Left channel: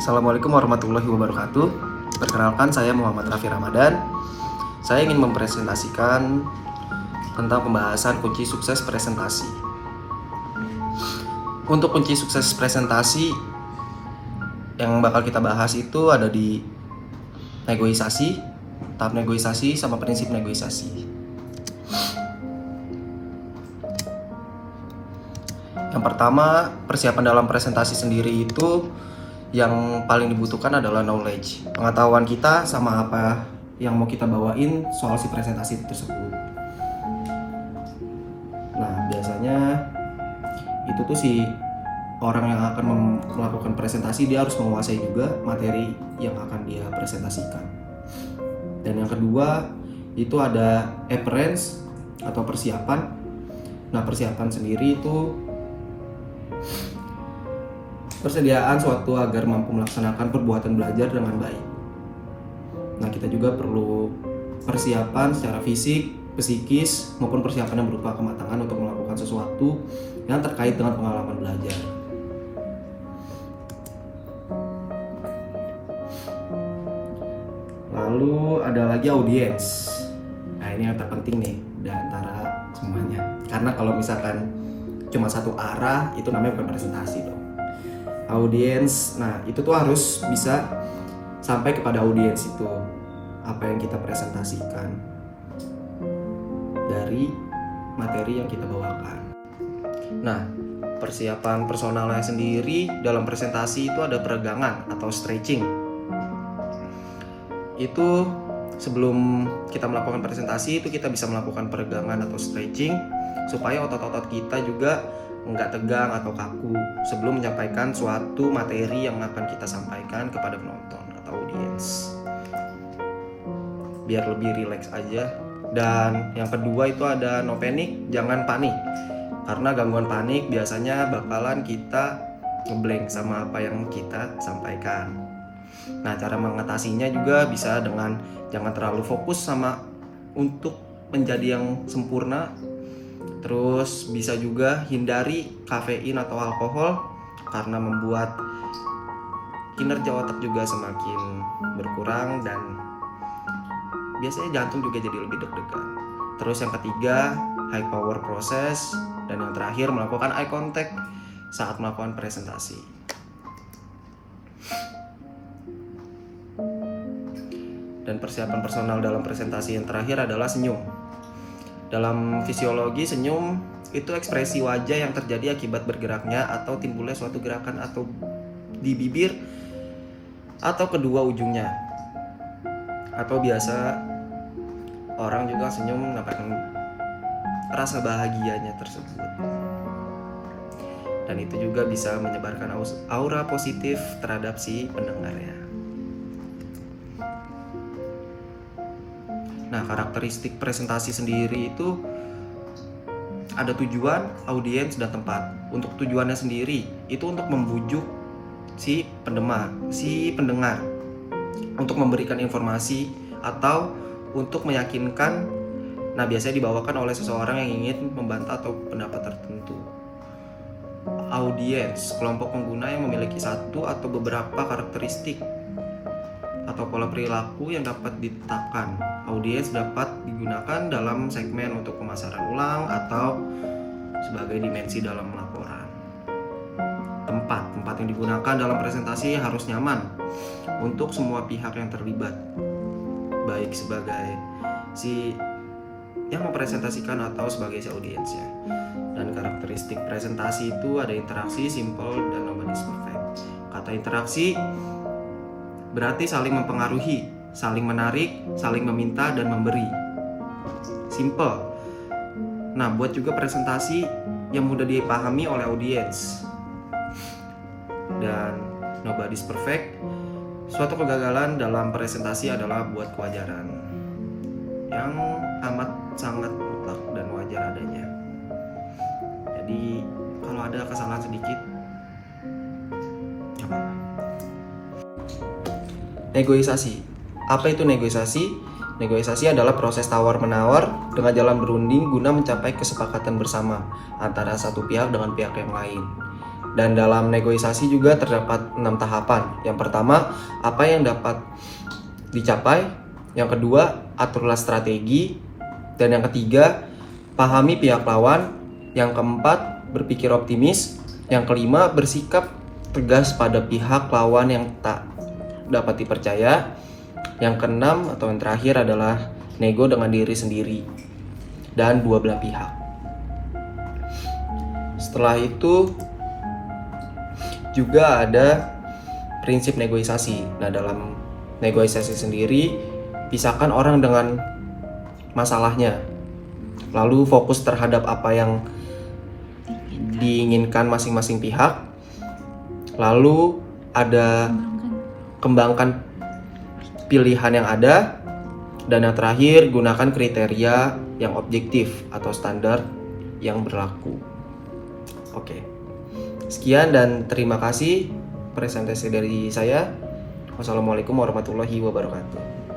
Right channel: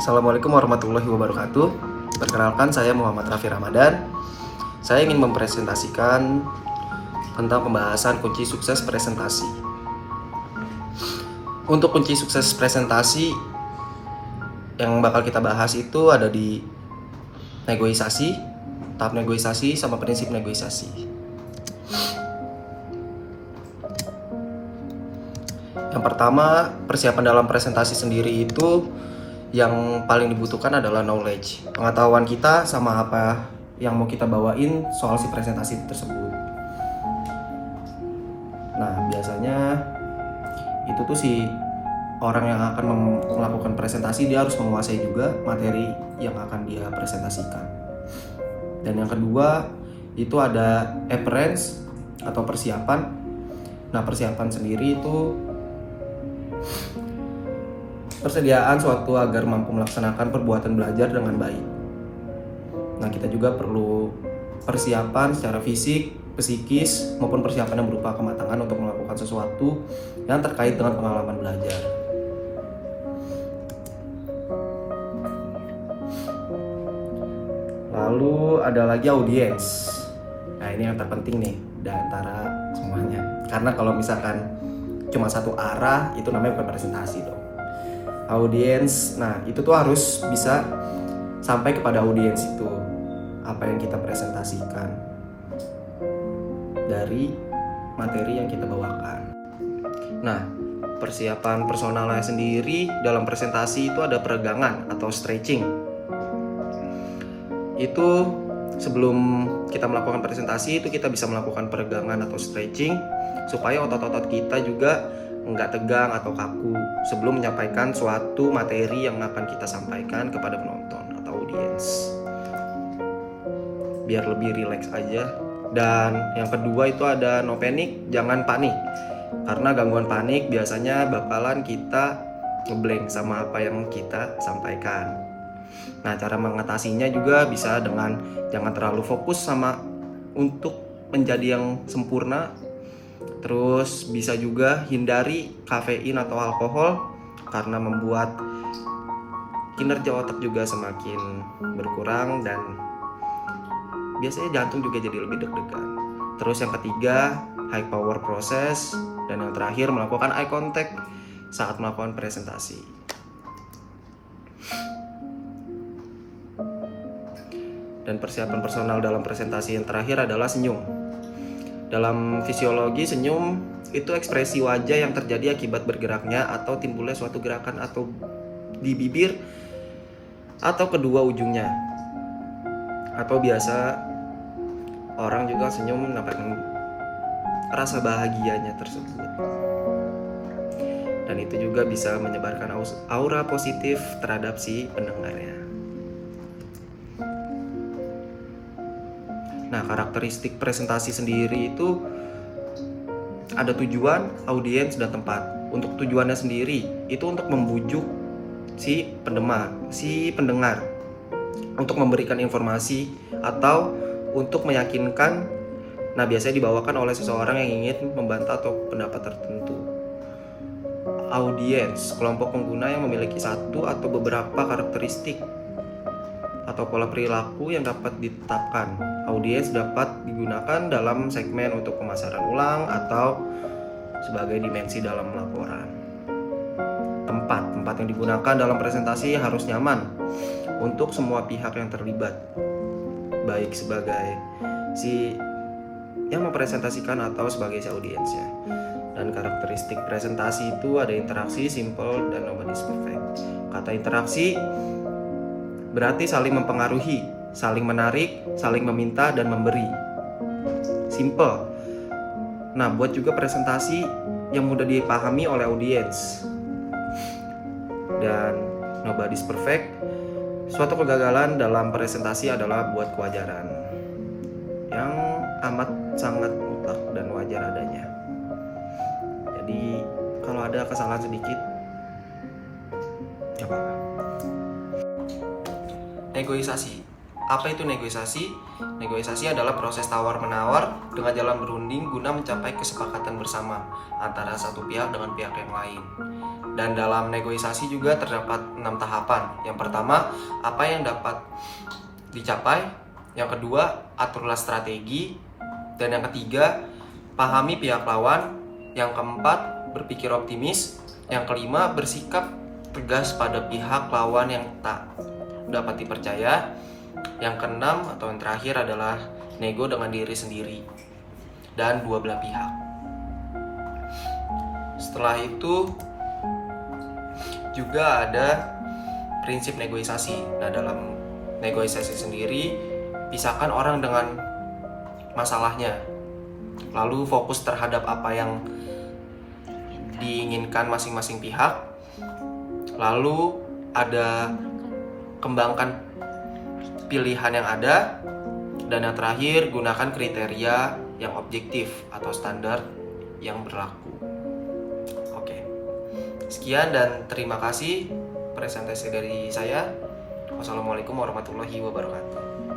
Assalamualaikum warahmatullahi wabarakatuh. Perkenalkan, saya Muhammad Raffi Ramadan. Saya ingin mempresentasikan tentang pembahasan kunci sukses presentasi. Untuk kunci sukses presentasi yang bakal kita bahas itu ada di negosiasi, tahap negosiasi sama prinsip negosiasi. Yang pertama, persiapan dalam presentasi sendiri itu yang paling dibutuhkan adalah knowledge, pengetahuan kita sama apa yang mau kita bawain soal si presentasi tersebut. Nah, biasanya itu tuh si orang yang akan melakukan presentasi dia harus menguasai juga materi yang akan dia presentasikan. Dan yang kedua itu ada appearance atau persiapan. Nah, persiapan sendiri itu persediaan suatu agar mampu melaksanakan perbuatan belajar dengan baik. Nah, kita juga perlu persiapan secara fisik, psikis, maupun persiapan yang berupa kematangan untuk melakukan sesuatu yang terkait dengan pengalaman belajar. Lalu ada lagi audiens. Nah, ini yang terpenting nih di antara semuanya. Karena kalau misalkan cuma satu arah, itu namanya bukan presentasi dong. Audiens, nah itu tuh harus bisa sampai kepada audiens itu apa yang kita presentasikan dari materi yang kita bawakan. Nah, persiapan personalnya sendiri dalam presentasi itu ada peregangan atau stretching. Itu sebelum kita melakukan presentasi itu kita bisa melakukan peregangan atau stretching supaya otot-otot kita juga nggak tegang atau kaku sebelum menyampaikan suatu materi yang akan kita sampaikan kepada penonton atau audiens, biar lebih rileks aja. Dan yang kedua itu ada no panic, jangan panik, karena gangguan panik biasanya bakalan kita ngeblank sama apa yang kita sampaikan. Nah, cara mengatasinya juga bisa dengan jangan terlalu fokus sama untuk menjadi yang sempurna. Terus bisa juga hindari kafein atau alkohol karena membuat kinerja otak juga semakin berkurang dan biasanya jantung juga jadi lebih deg-degan. Terus yang ketiga, high power process, dan yang terakhir melakukan eye contact saat melakukan presentasi. Dan persiapan personal dalam presentasi yang terakhir adalah senyum. Dalam fisiologi, senyum itu ekspresi wajah yang terjadi akibat bergeraknya atau timbulnya suatu gerakan atau di bibir atau kedua ujungnya. Atau biasa orang juga senyum menampakkan rasa bahagianya tersebut. Dan itu juga bisa menyebarkan aura positif terhadap si pendengarnya. Nah, karakteristik presentasi sendiri itu ada tujuan, audiens, dan tempat. Untuk tujuannya sendiri itu untuk membujuk si pendengar untuk memberikan informasi atau untuk meyakinkan. Nah, biasanya dibawakan oleh seseorang yang ingin membantah atau pendapat tertentu. Audiens, kelompok pengguna yang memiliki satu atau beberapa karakteristik atau pola perilaku yang dapat ditetapkan. Audiens dapat digunakan dalam segmen untuk pemasaran ulang atau sebagai dimensi dalam laporan. Tempat yang digunakan dalam presentasi harus nyaman untuk semua pihak yang terlibat, baik sebagai si yang mempresentasikan atau sebagai si audiensnya. Dan karakteristik presentasi itu ada interaksi, simple, dan nobody's perfect. Kata interaksi berarti saling mempengaruhi, saling menarik, saling meminta, dan memberi. Simple. Nah, buat juga presentasi yang mudah dipahami oleh audiens. Dan nobody's perfect. Suatu kegagalan dalam presentasi adalah buat kewajaran yang amat sangat mutlak dan wajar adanya. Jadi, kalau ada kesalahan sedikit, gak apa-apa. Negosiasi. Apa itu negosiasi? Negosiasi adalah proses tawar-menawar dengan jalan berunding guna mencapai kesepakatan bersama antara satu pihak dengan pihak yang lain. Dan dalam negosiasi juga terdapat 6 tahapan. Yang pertama, apa yang dapat dicapai. Yang kedua, aturlah strategi. Dan yang ketiga, pahami pihak lawan. Yang keempat, berpikir optimis. Yang kelima, bersikap tegas pada pihak lawan yang tak dapat dipercaya. Yang keenam atau yang terakhir adalah nego dengan diri sendiri dan dua belah pihak. Setelah itu juga ada prinsip negosiasi. Nah, dalam negosiasi sendiri, pisahkan orang dengan masalahnya, lalu fokus terhadap apa yang diinginkan masing-masing pihak, lalu ada kembangkan pilihan yang ada, dan yang terakhir gunakan kriteria yang objektif atau standar yang berlaku. Oke. Sekian dan terima kasih presentasi dari saya. Wassalamualaikum warahmatullahi wabarakatuh.